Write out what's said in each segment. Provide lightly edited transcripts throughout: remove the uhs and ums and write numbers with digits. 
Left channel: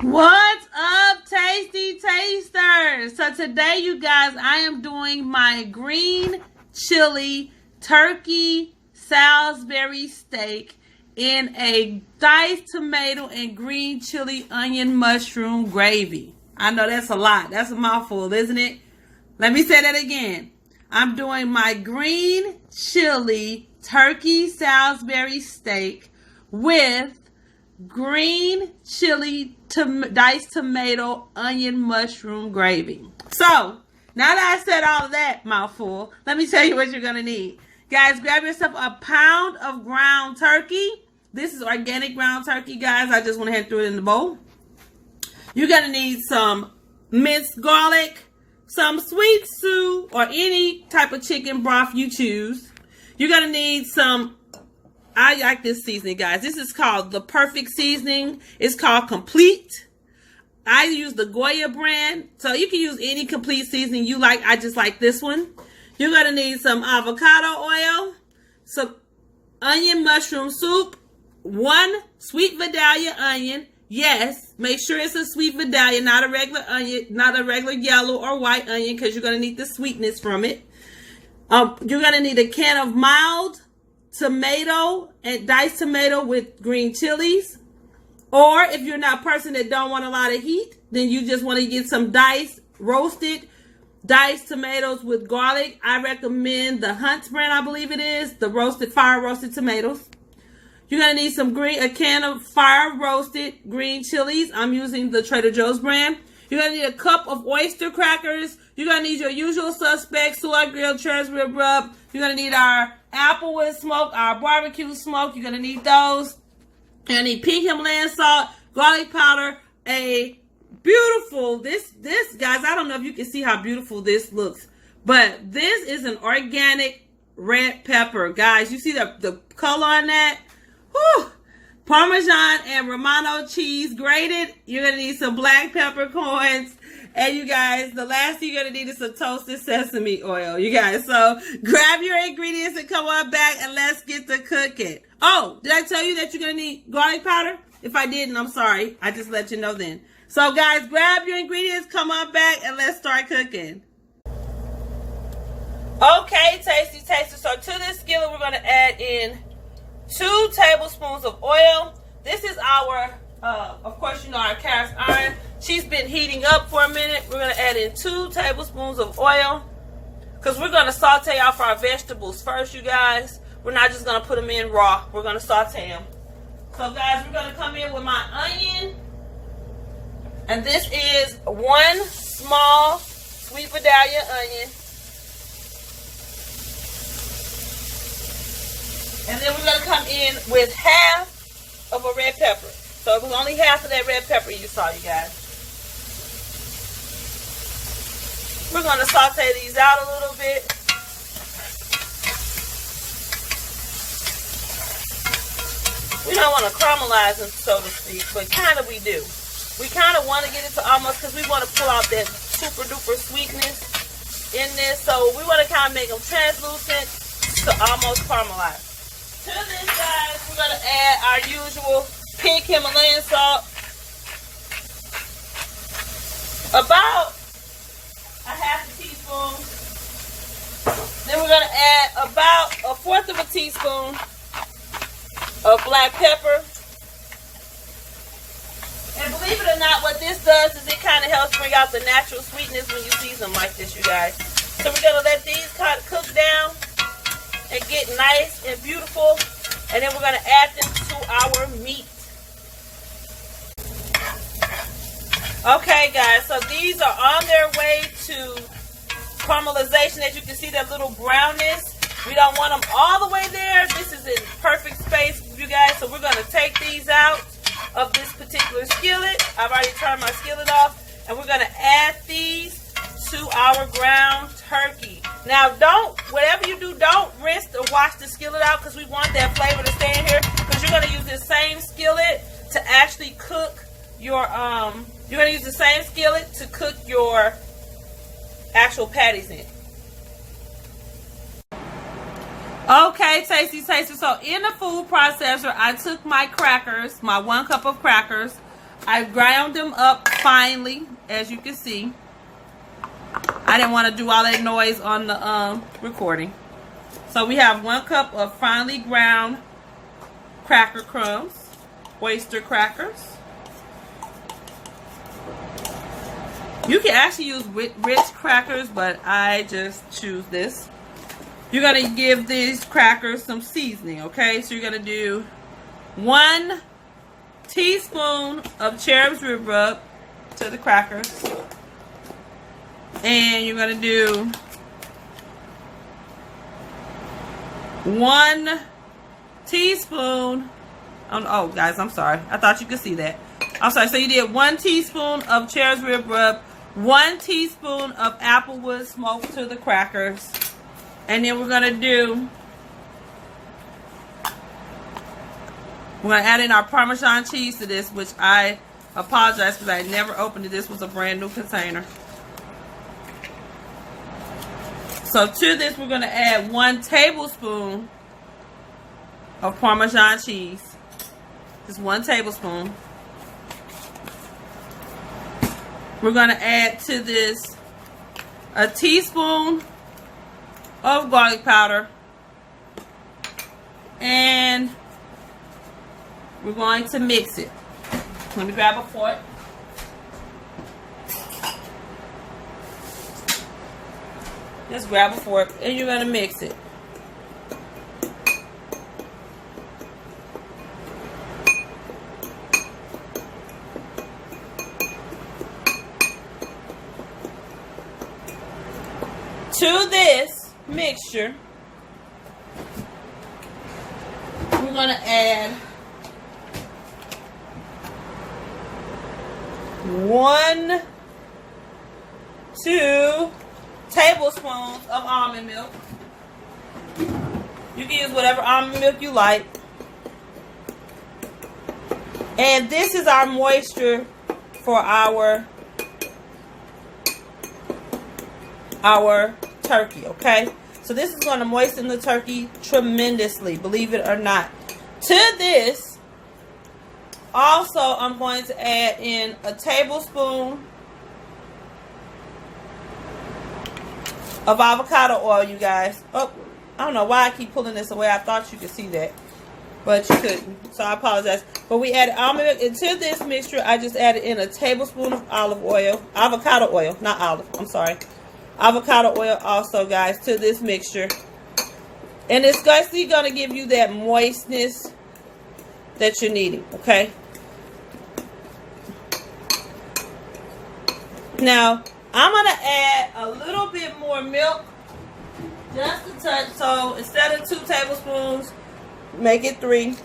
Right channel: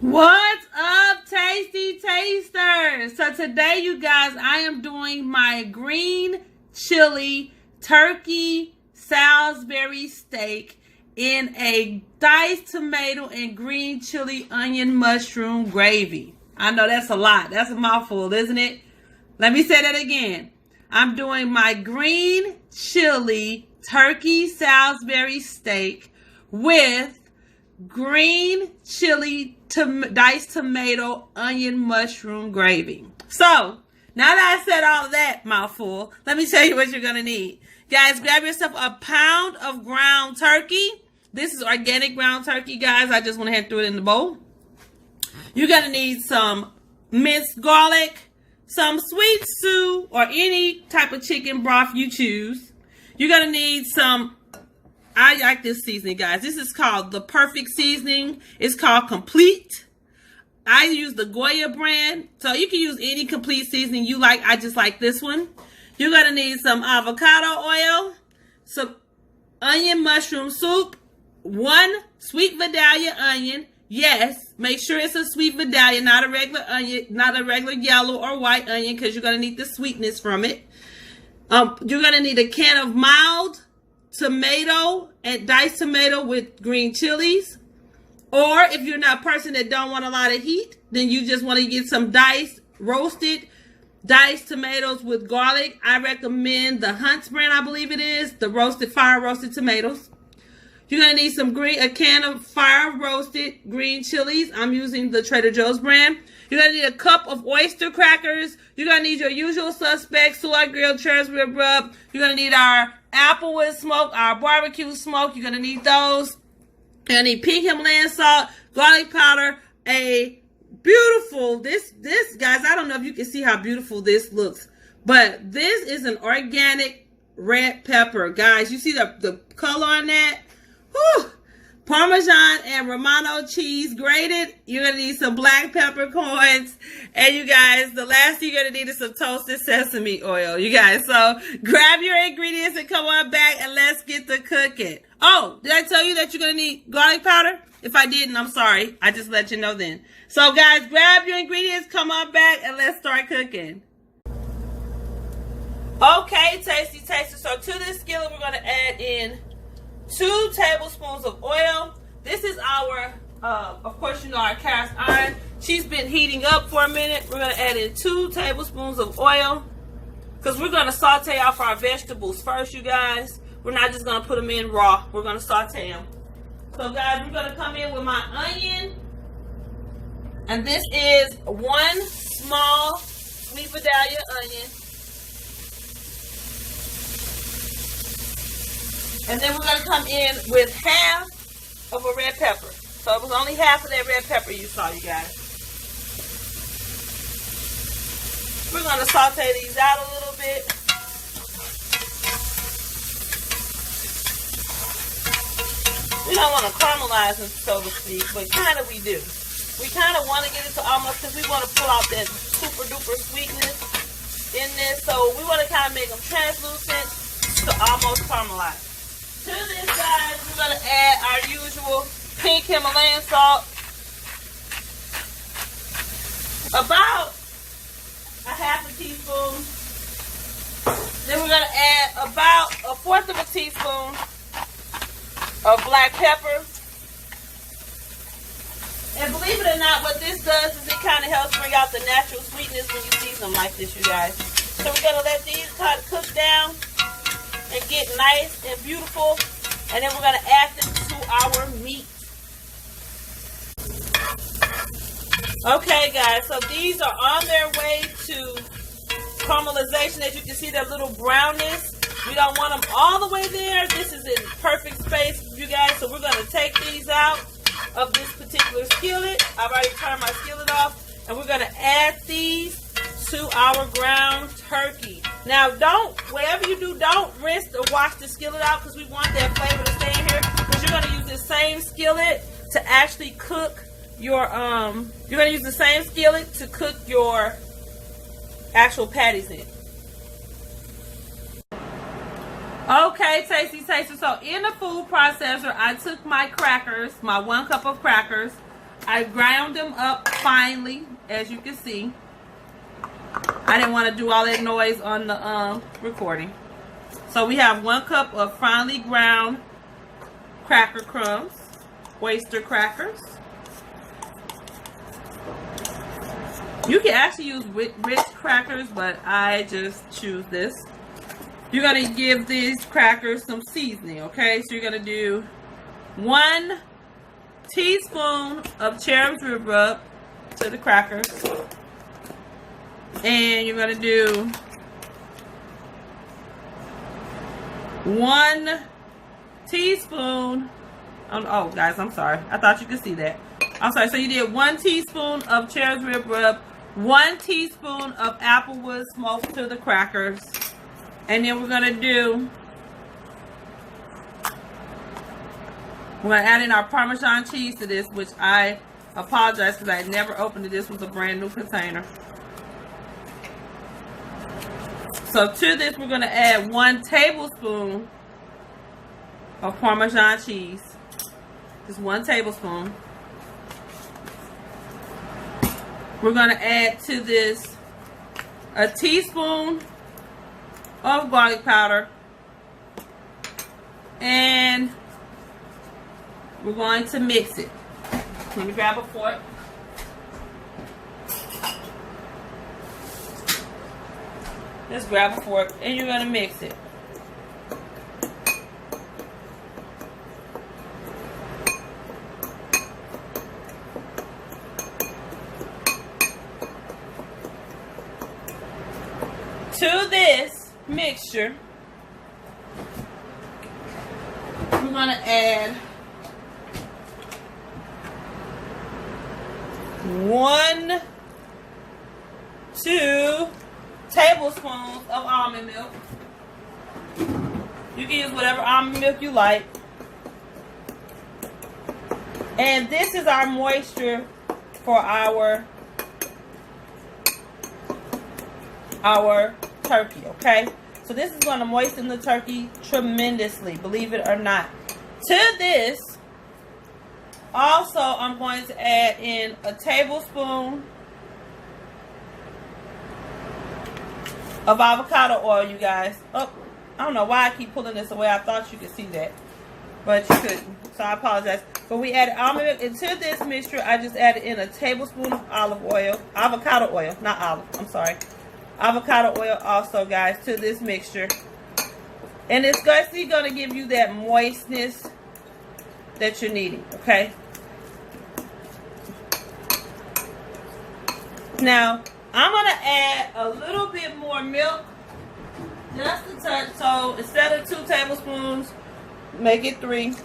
What's up, tasty tasters? So today, you guys, I am doing my green chili turkey Salisbury steak in a diced tomato and green chili onion mushroom gravy. I know that's a lot. That's a mouthful, isn't it? Let me say that again. I'm doing my green chili turkey Salisbury steak with green chili diced tomato onion mushroom gravy. So now that I said all of that mouthful, let me tell you what you're gonna need. Guys, grab yourself a pound of ground turkey. This is organic ground turkey, guys. I just went ahead and threw it in the bowl. You're gonna need some minced garlic, some sweet stew, or any type of chicken broth you choose. You're gonna need some, I like this seasoning, guys. This is called the perfect seasoning. It's called Complete. I use the Goya brand, so you can use any complete seasoning you like. I just like this one. You're gonna need some avocado oil, some onion mushroom soup, one sweet vidalia onion. Yes, make sure it's a sweet vidalia, not a regular onion, not a regular yellow or white onion, because you're gonna need the sweetness from it. You're gonna need a can of mild tomato and diced tomato with green chilies. Or if you're not a person that don't want a lot of heat, then you just want to get some roasted diced tomatoes with garlic. I recommend the Hunt's brand, I believe it is, the fire roasted tomatoes. You're gonna need a can of fire roasted green chilies. I'm using the Trader Joe's brand. You're gonna need a cup of oyster crackers. You're gonna need your usual suspects, Soulard Grill, Cherib rub. You're gonna need our Applewood smoke, our barbecue smoke. You're gonna need those. You're gonna need pink Himalayan salt, garlic powder, a beautiful, this guys, I don't know if you can see how beautiful this looks, but this is an organic red pepper. Guys, you see the color on that? Whew. Parmesan and Romano cheese grated. You're going to need some black peppercorns. And you guys, the last thing you're going to need is some toasted sesame oil. You guys, so grab your ingredients and come on back and let's get to cooking. Oh, did I tell you that you're going to need garlic powder? If I didn't, I'm sorry. I just let you know then. So guys, grab your ingredients, come on back, and let's start cooking. Okay, tasty tasters. So to this skillet, we're going to add in 2 tablespoons of oil. This is our, of course, you know, our cast iron. She's been heating up for a minute. We're going to add in 2 tablespoons of oil because we're going to saute off our vegetables first, you guys. We're not just going to put them in raw. We're going to saute them. So, guys, we're going to come in with my onion. And this is 1 small sweet vidalia onion. And then we're going to come in with half of a red pepper. So it was only half of that red pepper you saw, you guys. We're going to saute these out a little bit. We don't want to caramelize them, so to speak, but kind of we do. We kind of want to get it to almost, because we want to pull out that super duper sweetness in this. So we want to kind of make them translucent to almost caramelize. To this, guys, we're going to add our usual pink Himalayan salt. About a half a teaspoon. Then we're going to add about a 1/4 of a teaspoon of black pepper. And believe it or not, what this does is it kind of helps bring out the natural sweetness when you season them like this, you guys. So we're going to let these kind of cook down and get nice and beautiful, and then we're going to add them to our meat. Okay, guys, so these are on their way to caramelization. As you can see, that little brownness. We don't want them all the way there. This is in perfect space, you guys, so we're going to take these out of this particular skillet. I've already turned my skillet off, and we're going to add these to our ground turkey. Now, whatever you do, don't rinse or wash the skillet out, because we want that flavor to stay in here, because you're going to use the same skillet to actually cook your, you're going to use the same skillet to cook your actual patties in. Okay, tasty taster. So in the food processor, I took my crackers, my 1 cup of crackers, I ground them up finely, as you can see. I didn't want to do all that noise on the recording. So we have 1 cup of finely ground cracker crumbs, oyster crackers. You can actually use rich crackers, but I just choose this. You're going to give these crackers some seasoning, okay? So you're going to do 1 teaspoon of Cherib's rib rub to the crackers. And you're going to do 1 teaspoon. Oh, guys, I'm sorry. I thought you could see that. I'm sorry. So you did 1 teaspoon of Cherib's rib rub, 1 teaspoon of Applewood smoke to the crackers. And then we're going to add in our Parmesan cheese to this, which I apologize because I never opened it. This was a brand new container. So to this, we're going to add 1 tablespoon of Parmesan cheese. Just 1 tablespoon. We're going to add to this a teaspoon of garlic powder. And we're going to mix it. Let me grab a fork. Just grab a fork and you're going to mix it. To this mixture, we're going to add 1, 2 tablespoons of almond milk. You can use whatever almond milk you like. And this is our moisture for our turkey, okay? So this is going to moisten the turkey tremendously, believe it or not. To this, also, I'm going to add in a tablespoon of avocado oil, you guys. Oh, I don't know why I keep pulling this away. I thought you could see that, but you couldn't. So I apologize. But we added almond milk. Into this mixture, I just added in a tablespoon of avocado oil, not olive, I'm sorry. Avocado oil also, guys, to this mixture. And it's basically going to give you that moistness that you're needing, okay? Now, I'm going to add a little bit more milk, just a touch. So instead of 2 tablespoons, make it 3.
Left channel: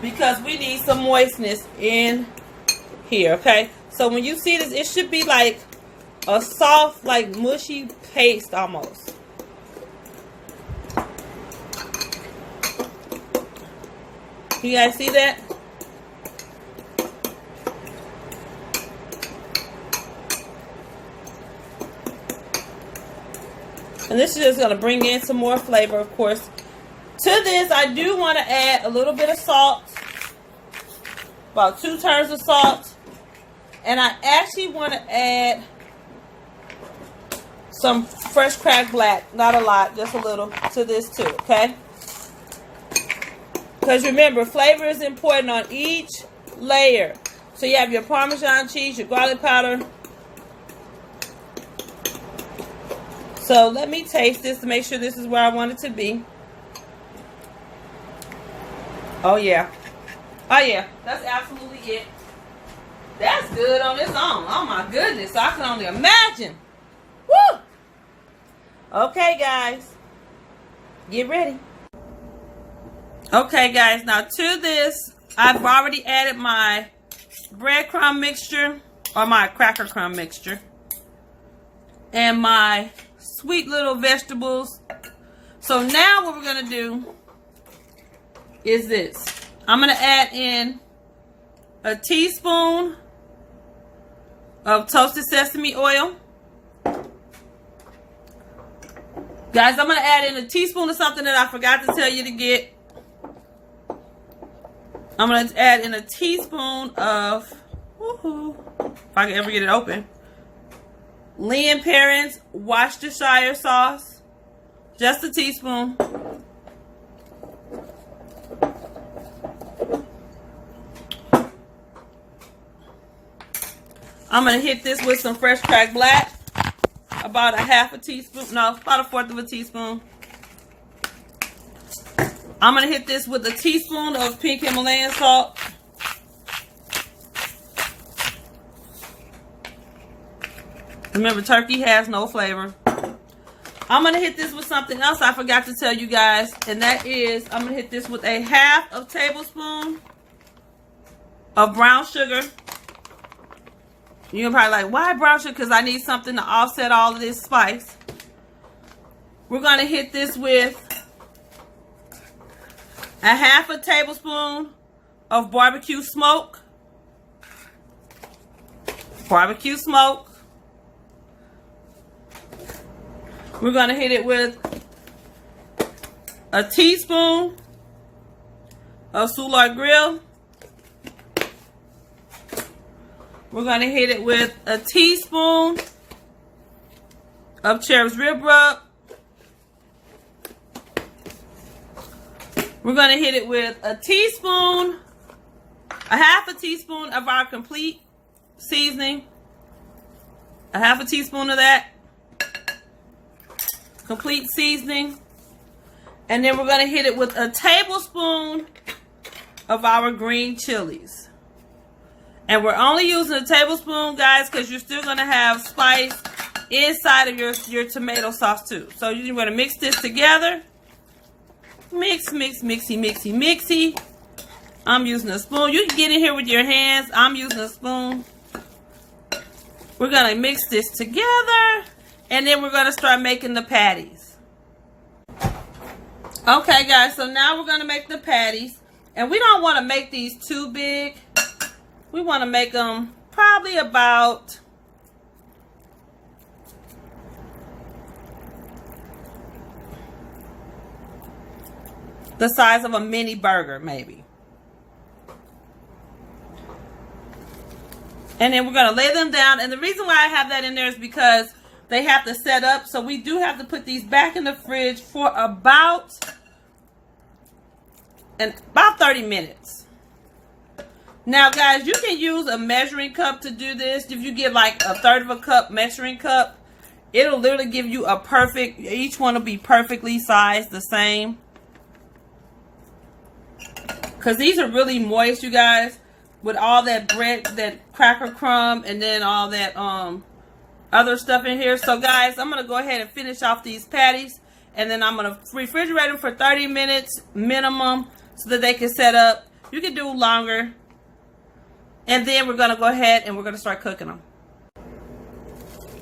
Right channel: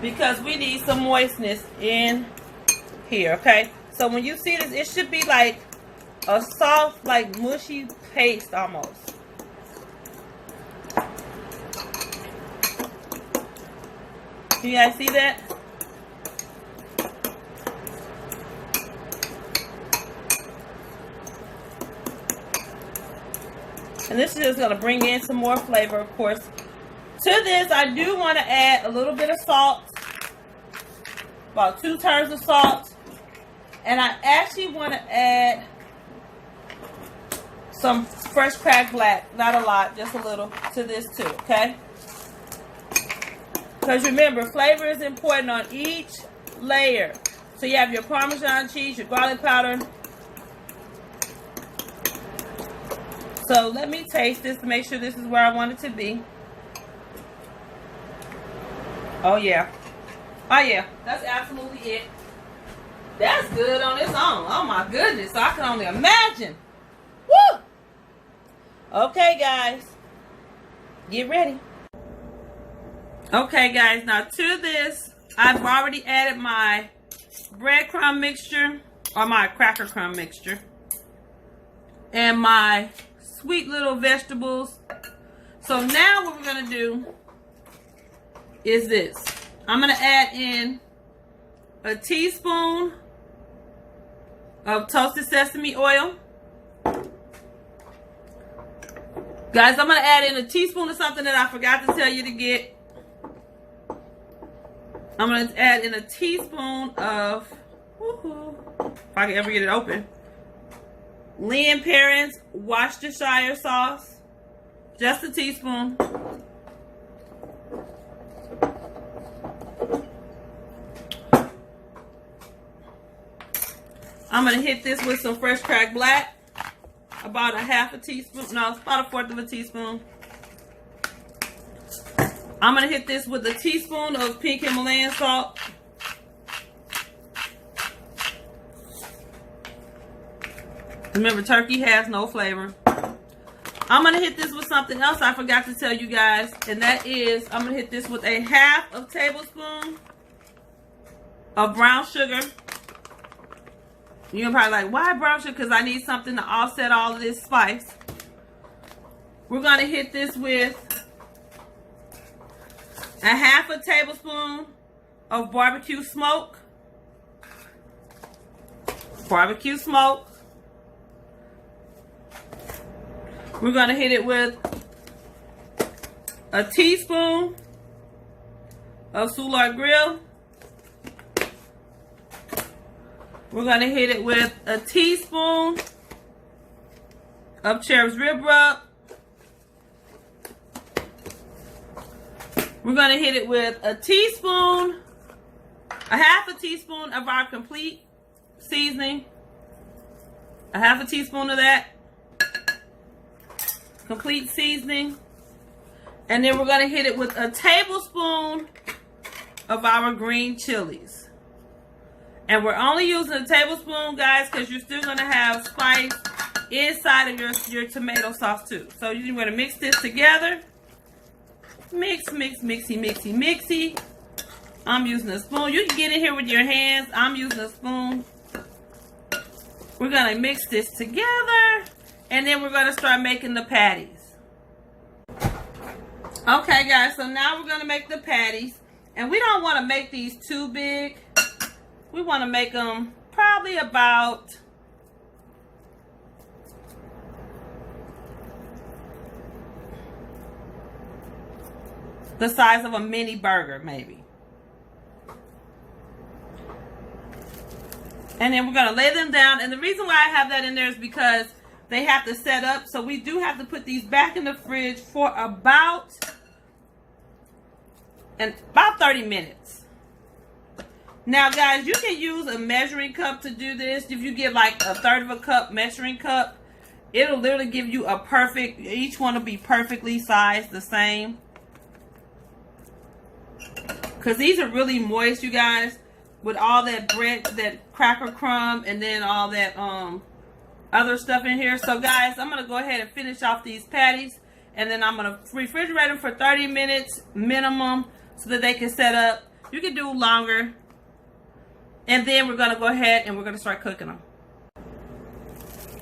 Because we need some moistness in here, okay? So when you see this, it should be like a soft, like mushy paste almost. You guys see that? And this is just going to bring in some more flavor, of course. To this, I do want to add a little bit of salt. About 2 turns of salt. And I actually want to add some fresh cracked black. Not a lot, just a little to this too, okay? Because remember, flavor is important on each layer. So you have your Parmesan cheese, your garlic powder. So let me taste this to make sure this is where I want it to be. Oh yeah. Oh yeah, that's absolutely it. That's good on its own. Oh my goodness, I can only imagine. Woo! Okay, guys, get ready. Okay, guys, now to this, I've already added my breadcrumb mixture, or my cracker crumb mixture, and my sweet little vegetables. So now what we're going to do is this. I'm going to add in a teaspoon of toasted sesame oil. Guys, I'm going to add in a teaspoon of something that I forgot to tell you to get. I'm going to add in a teaspoon of, if I can ever get it open, Lynn Perrin's Worcestershire sauce. Just a teaspoon. I'm going to hit this with some fresh cracked black. About a half a teaspoon. No, about a fourth of a teaspoon. I'm going to hit this with a teaspoon of pink Himalayan salt. Remember, turkey has no flavor. I'm going to hit this with something else I forgot to tell you guys. And that is, I'm going to hit this with a half a tablespoon of brown sugar. You're probably like, why brown sugar? Because I need something to offset all of this spice. We're going to hit this with a half a tablespoon of barbecue smoke. Barbecue smoke. We're going to hit it with a teaspoon of Soulard Grill. We're going to hit it with a teaspoon of Cherib's rib rub. We're going to hit it with a teaspoon, a half a teaspoon of our complete seasoning. A half a teaspoon of that. Complete seasoning. And then we're going to hit it with a tablespoon of our green chilies. And we're only using a tablespoon, guys, because you're still going to have spice inside of your tomato sauce too. So you're going to mix this together. Mix, mix, mixy, mixy, mixy. I'm using a spoon. You can get in here with your hands. I'm using a spoon. We're going to mix this together. And then we're going to start making the patties. Okay, guys. So now we're going to make the patties. And we don't want to make these too big. We want to make them probably about the size of a mini burger, maybe. And then we're going to lay them down. And the reason why I have that in there is because they have to set up. So we do have to put these back in the fridge for about 30 minutes. Now, guys, you can use a measuring cup to do this. If you get like a third of a cup measuring cup, it'll literally give you a perfect, each one will be perfectly sized the same. Because these are really moist, you guys, with all that bread, that cracker crumb, and then all that other stuff in here. So, guys, I'm going to go ahead and finish off these patties. And then I'm going to refrigerate them for 30 minutes minimum so that they can set up. You can do longer. And then we're going to go ahead and we're going to start cooking them.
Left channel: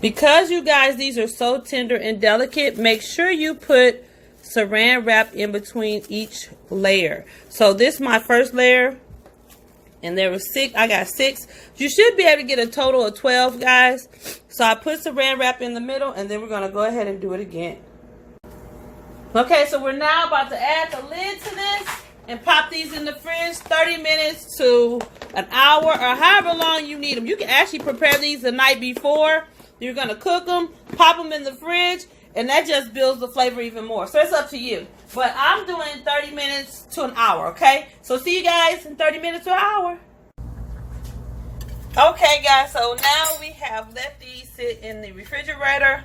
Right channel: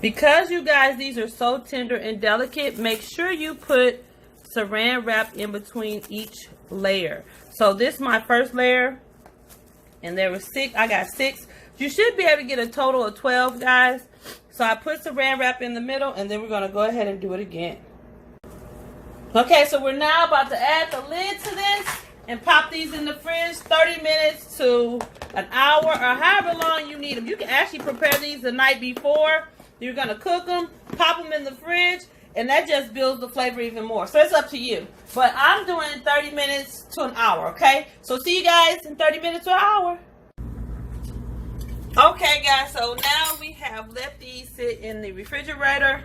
Because, you guys, these are so tender and delicate, make sure you put saran wrap in between each layer. So this is my first layer, and there was 6. I got 6. You should be able to get a total of 12, guys. So I put saran wrap in the middle, and then we're going to go ahead and do it again. Okay, so we're now about to add the lid to this and pop these in the fridge 30 minutes to an hour or however long you need them. You can actually prepare these the night before. You're going to cook them, pop them in the fridge, and that just builds the flavor even more. So it's up to you. But I'm doing 30 minutes to an hour, okay? So see you guys in 30 minutes to an hour. Okay, guys, so now we have let these sit in the refrigerator.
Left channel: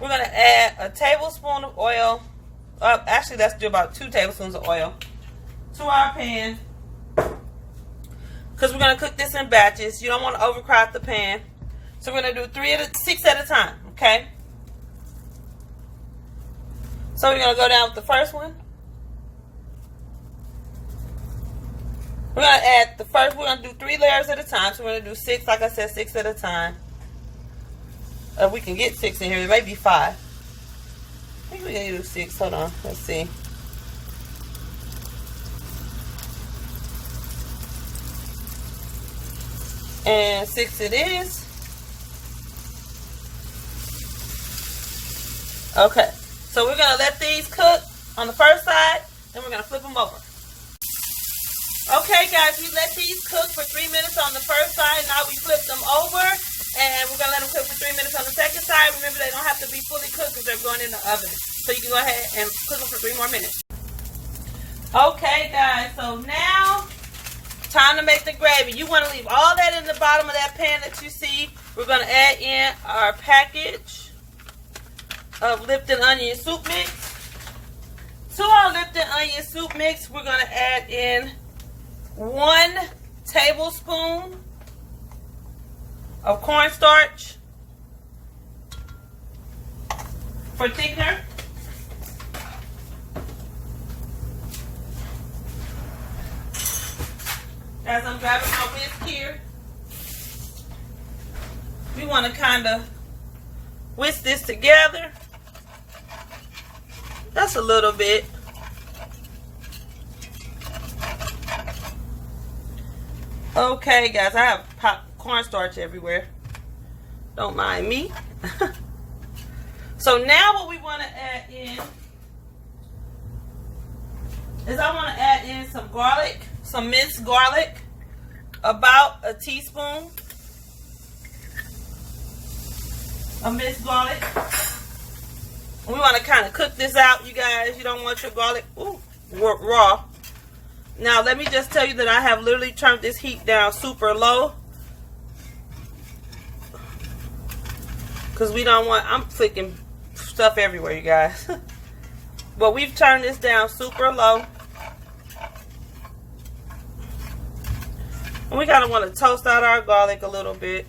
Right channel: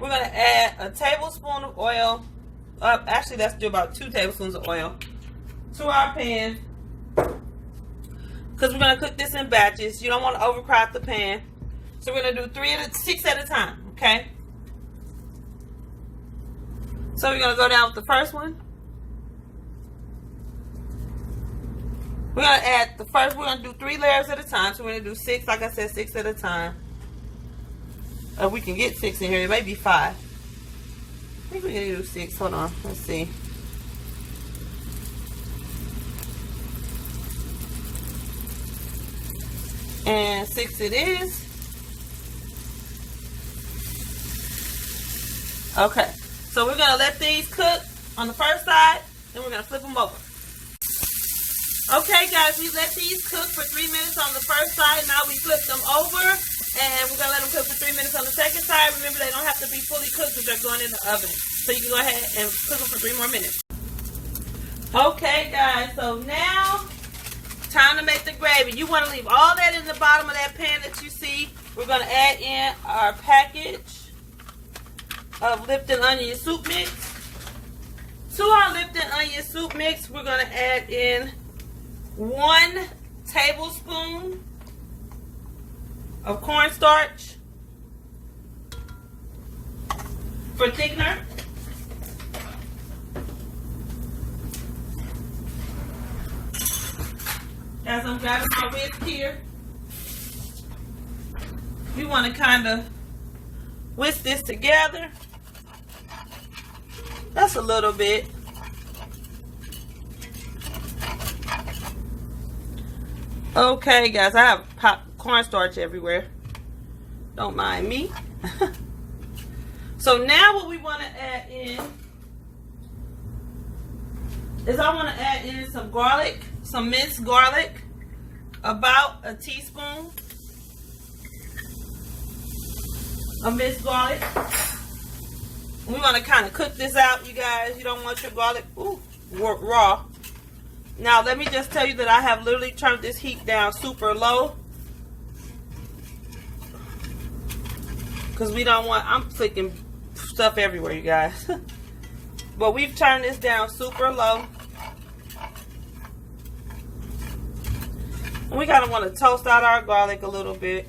We're going to add a tablespoon of oil. Actually, let's do about 2 tablespoons of oil to our pan. Because we're going to cook this in batches. You don't want to overcrowd the pan. So we're going to do 6 at a time, okay? So we're going to go down with the first one. We're going to add the first, we're going to do 3 layers at a time. So we're going to do 6, like I said, 6 at a time. We can get 6 in here, it may be 5. I think we can do 6, hold on, let's see. And 6 it is. Okay. So we're going to let these cook on the first side, then we're going to flip them over. Okay, guys, we let these cook for 3 minutes on the first side. Now we flip them over, and we're going to let them cook for 3 minutes on the second side. Remember, they don't have to be fully cooked because they're going in the oven. So you can go ahead and cook them for 3 more minutes. Okay, guys, so now, time to make the gravy. You want to leave all that in the bottom of that pan that you see. We're going to add in our package of Lipton onion soup mix. To our Lipton onion soup mix, we're going to add in 1 tablespoon of cornstarch for thickener. As I'm grabbing my whisk here, we want to kind of whisk this together. That's a little bit. Okay, guys, I have cornstarch everywhere. Don't mind me. So now what we want to add in is I want to add in some garlic, some minced garlic, about a teaspoon of minced garlic. We want to kind of cook this out, you guys. You don't want your garlic raw. Now, let me just tell you that I have literally turned this heat down super low. Because we don't want, I'm flicking stuff everywhere, you guys. But we've turned this down super low. And we kind of want to toast out our garlic a little bit.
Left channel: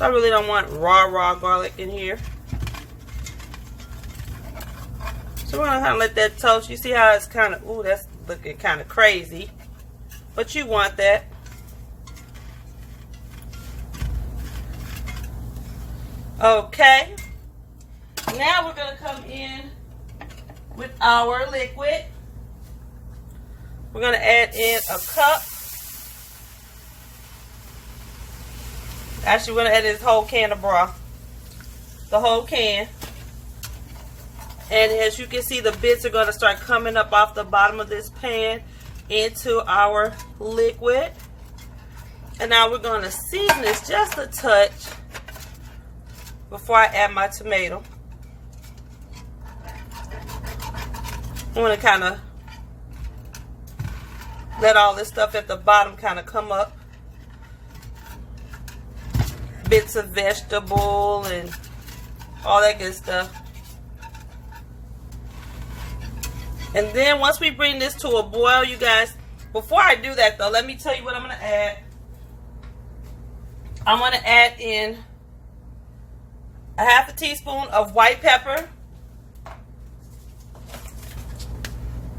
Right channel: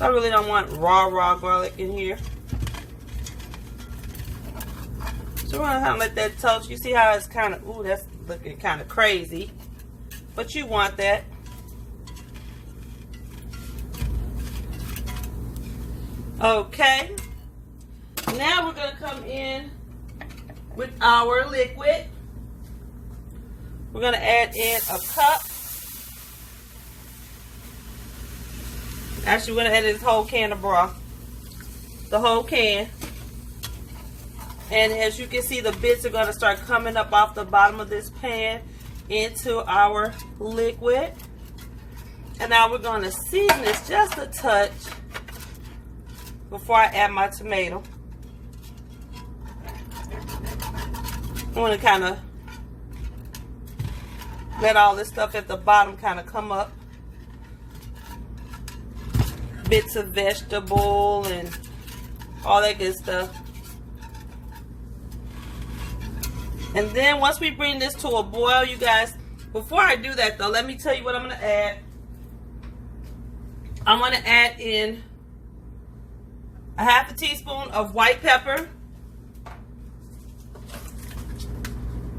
I really don't want raw garlic in here. So we're going to kind of let that toast. You see how it's kind of, ooh, that's looking kind of crazy. But you want that. Okay. Now we're going to come in with our liquid. We're going to add in a cup. Actually, we're going to add this whole can of broth. The whole can. And as you can see, the bits are going to start coming up off the bottom of this pan into our liquid. And now we're going to season this just a touch before I add my tomato. I want to kind of let all this stuff at the bottom kind of come up. Bits of vegetable and all that good stuff. And then once we bring this to a boil, you guys, before I do that though, let me tell you what I'm going to add. I'm going to add in a half a teaspoon of white pepper,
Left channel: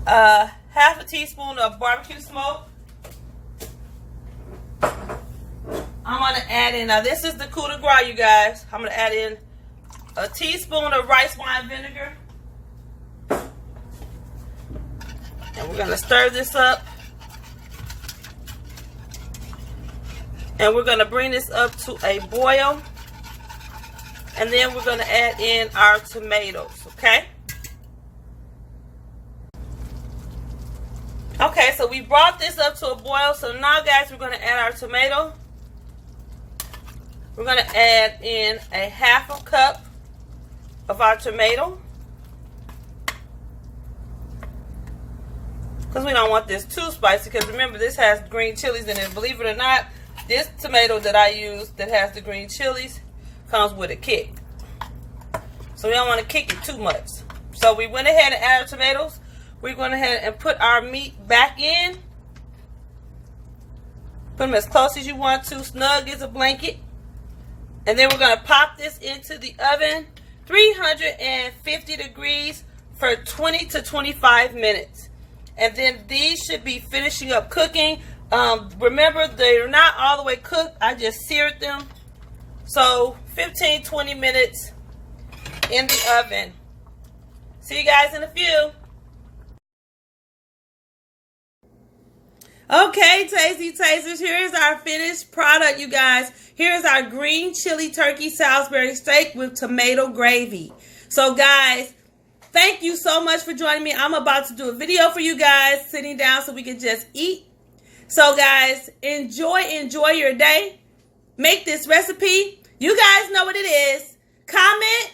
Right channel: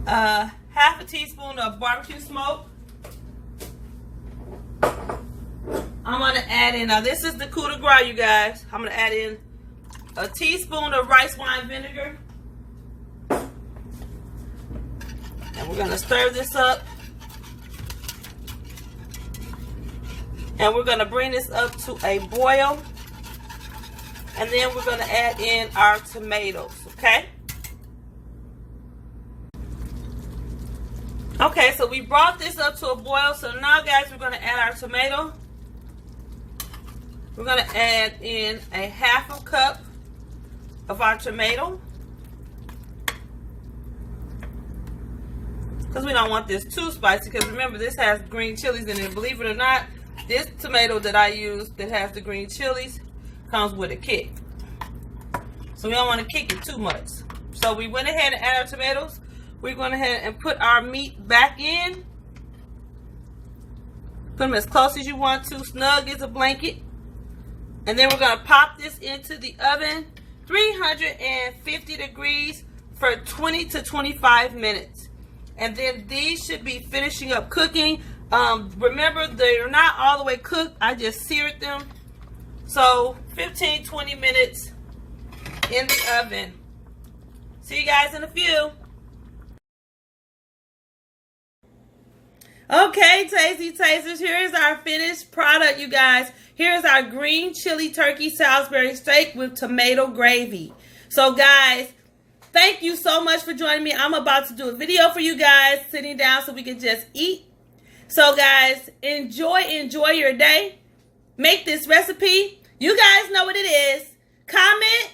half a teaspoon of barbecue smoke. I'm going to add in, now this is the coup de grace, you guys. I'm going to add in a teaspoon of rice wine vinegar. And we're going to stir this up. And we're going to bring this up to a boil. And then we're going to add in our tomatoes, okay? Okay, so we brought this up to a boil. So now, guys, we're going to add our tomato. We're going to add in a half a cup of our tomato. Because we don't want this too spicy. Because remember, this has green chilies in it. Believe it or not, this tomato that I use that has the green chilies comes with a kick. So we don't want to kick it too much. So we went ahead and added our tomatoes. We're going ahead and put our meat back in. Put them as close as you want to, snug as a blanket. And then we're going to pop this into the oven, 350 degrees for 20 to 25 minutes. And then these should be finishing up cooking. Remember, they're not all the way cooked. I just seared them. So 15-20 minutes in the oven. See you guys in a few. Okay, Tasty Tasters, here's our finished product, you guys. Here's our green chili turkey Salisbury steak with tomato gravy. So, guys, thank you so much for joining me. I'm about to do a video for you guys, sitting down so we can just eat. So guys, enjoy your day. Make this recipe. You guys know what it is. Comment,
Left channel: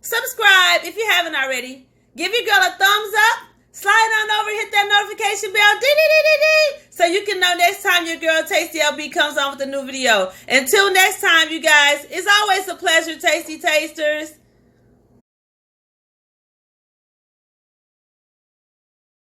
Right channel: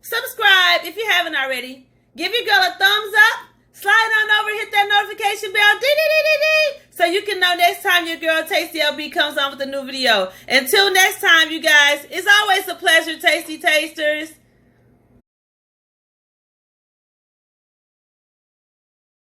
subscribe if you haven't already. Give your girl a thumbs up. Slide on over, hit that notification bell, so you can know next time your girl Tasty LB comes on with a new video. Until next time, you guys, it's always a pleasure, Tasty Tasters.